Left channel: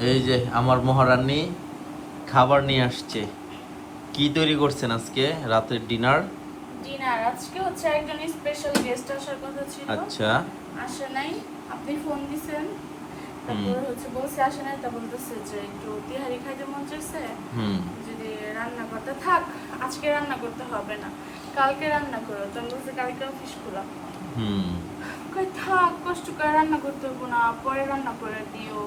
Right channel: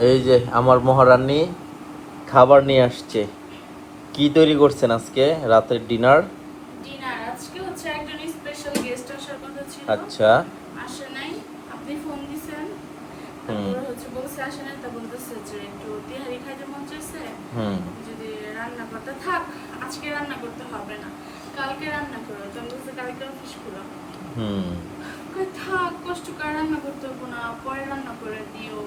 এই যে আমার মহারানী খাবার নিয়ে আসছে। কি তৈরি করছেন আজকে রাতের ডিনার? ডিনার আজকে হচ্ছে একজন স্পেশাল গেস্ট আসার কথা ছিল, আচ্ছা। আসে নাই। আপনি ফোন দিছেন, হুম তারপর হচ্ছে বলছে আসে নাই, তা বলতেছে যে একটু তিহারি খাইতে মন চাইছে, হুম যদি রান্না করতে থাক, আজকে রান্না করতে হবে না, কালকে রান্না করো। তো আমি বলছি কালকে অফিস খোলা, হুম কই থাক, কষ্ট করে রান্না করতে হবো না, পরে রান্না করে দিও।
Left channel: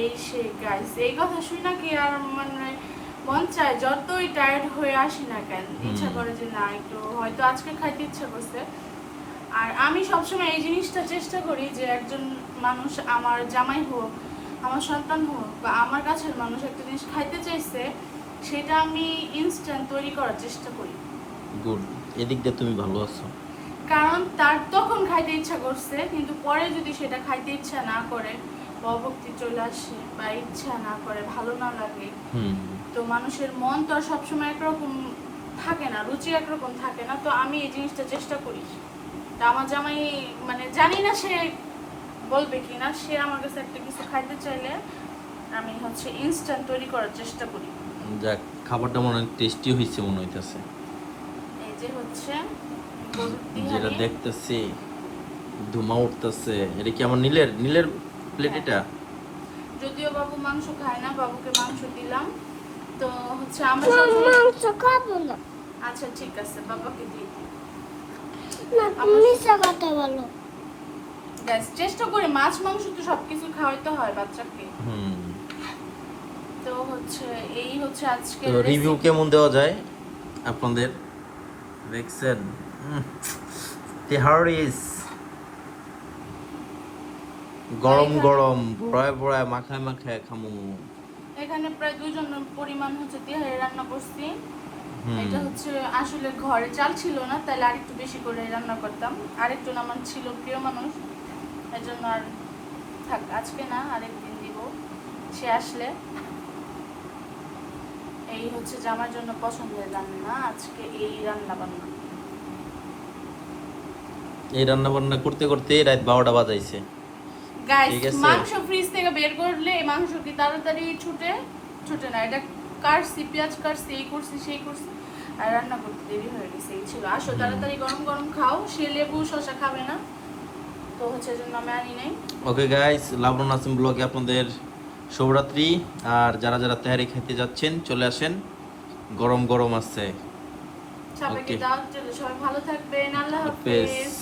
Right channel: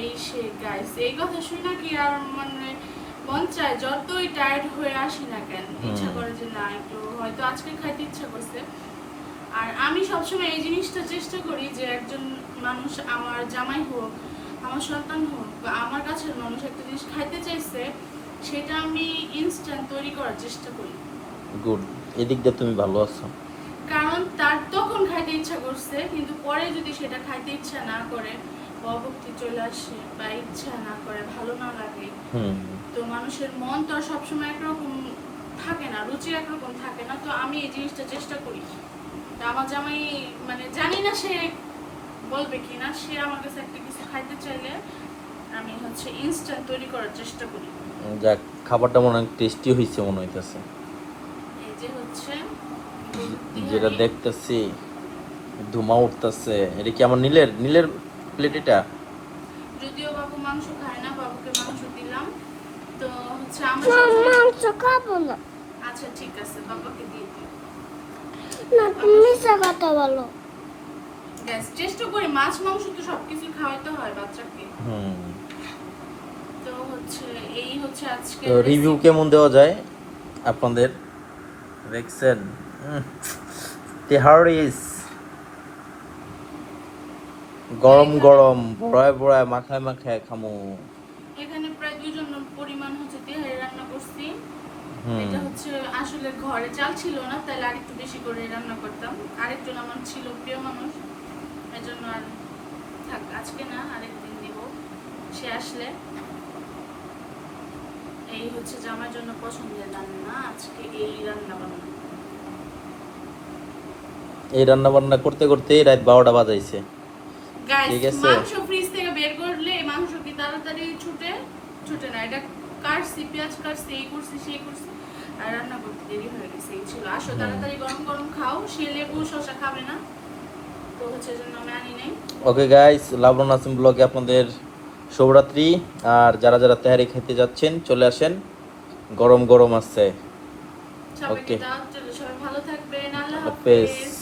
এই সে গাইস, এই কথা শুই না কি আর মানে মন চায়, যতই টায়ার্ড হয়ে আসি না কেন, ইচ্ছা করে যে না একটু হয়তো আজকে খাইতে ইচ্ছা করছে। আর আমি সবসময় এই জিনিসটা চেষ্টা করি যে একজন মানুষ, আমার জামাই হোক, আমার সন্তান হোক, বা আমার কাছের মানুষ একটা জিনিস খাইতে চাইছে, সেটা আমি ইনস্ট্যান্ট তৈরি করার চেষ্টা করি। গুড। এদিক দিয়ে তুমি ভালো আছো। কারণ তার তখন খাইতে ইচ্ছা করছে, কিন্তু পরে যদি সেটা খাইতে ইচ্ছা না করে, অভক্তি চলে আসে বা ইচ্ছা না করে, ভালো না লাগে, হুম তো মানুষের মন তো আর সবসময় একরকম থাকে না, রুচি একরকম থাকে না। তো আমি এই জিনিসটা চেষ্টা করি। তা আমার জামাই মানে জানি না সে বলবে কি না, সে আমার কাছে একটা কিছু খাইতে চাইলে আমি হচ্ছে ইনস্ট্যান্ট তৈরি করার চেষ্টা করি। যাক, খাবারটা মনে হয় টেস্টি হয়েছে মনে হইতেছে। এই যে হচ্ছে গরুর যেটা তিহারি। দেখতেছি ধুমা উঠতেছে, এটা কি আমার নীলের নীলের প্লেট হ্যাঁ, এটা? যদিও বাবু মাংস খায় না, বাবুকে মাংস দিলাম। তো হচ্ছে আমরা সবসময় মাংস খাবো না। আচ্ছা ঠিক আছে, বাবাকে দিয়ে দিই। আমরা কথা বলো। গ্যাস চেষ্টা করি, মাছ মাংস তো সবকিছু খাওয়াইতে হয় বাচ্চাকে। হুম। তো হচ্ছে এই হচ্ছে আজকে তো রিভিউ কেমন দেওয়া যায় আপনাদের? দেখছেন তেহারিস গরম গরম বড়ায় বড়ায় মাখায় মাখায় খামো। এখানে প্রায় 2 জন পরিমাণ হচ্ছে তেহারি রান্না করছি। হুম এটা হচ্ছে আসলে ঘরে চাল ছিল না, তাহলে আরেকটু বেশি করে রান্না করতাম। আরেকজন আমার ছিল প্রিয় মানুষ, এজন্য আর থাক, আজকে না আরেকদিন দিব সে আসলে। এই হচ্ছে যে আমার জন্য পছন্দের রান্না আজকে, এই রান্না বান্না। এই রান্না বান্না করতে করতেই রাত 12টা বাজাইছে। গাইস, ঠিক আছে। মাংস ফ্রিজ থেকে বের করলে এই মাংস কি তাড়াতাড়ি ছুটে? ছুটে না। এটা কাটছি, পেঁয়াজ কাটছি, এই করছি সেই করছি, আর রান্না করতে দেরি হয়ে গেছে। এই ছিল, আসো তাড়াতাড়ি গরম গরম খাও, সে লেবু শসা খাবে না, তো হচ্ছে এজন্য আমি আনি নাই। ওকে গাইস, লাবণ আসিম ব্লগে আপনাদের শুভরাত্রি। আর যারা যারা তেহারি খেতে যাচ্ছেন চলে আসেন, গরম গরম আছে। সবাইকে ওকে, দাওয়াত দিলে সবাই ভালো থাকবেন। আল্লাহ হাফেজ। হাফেজ।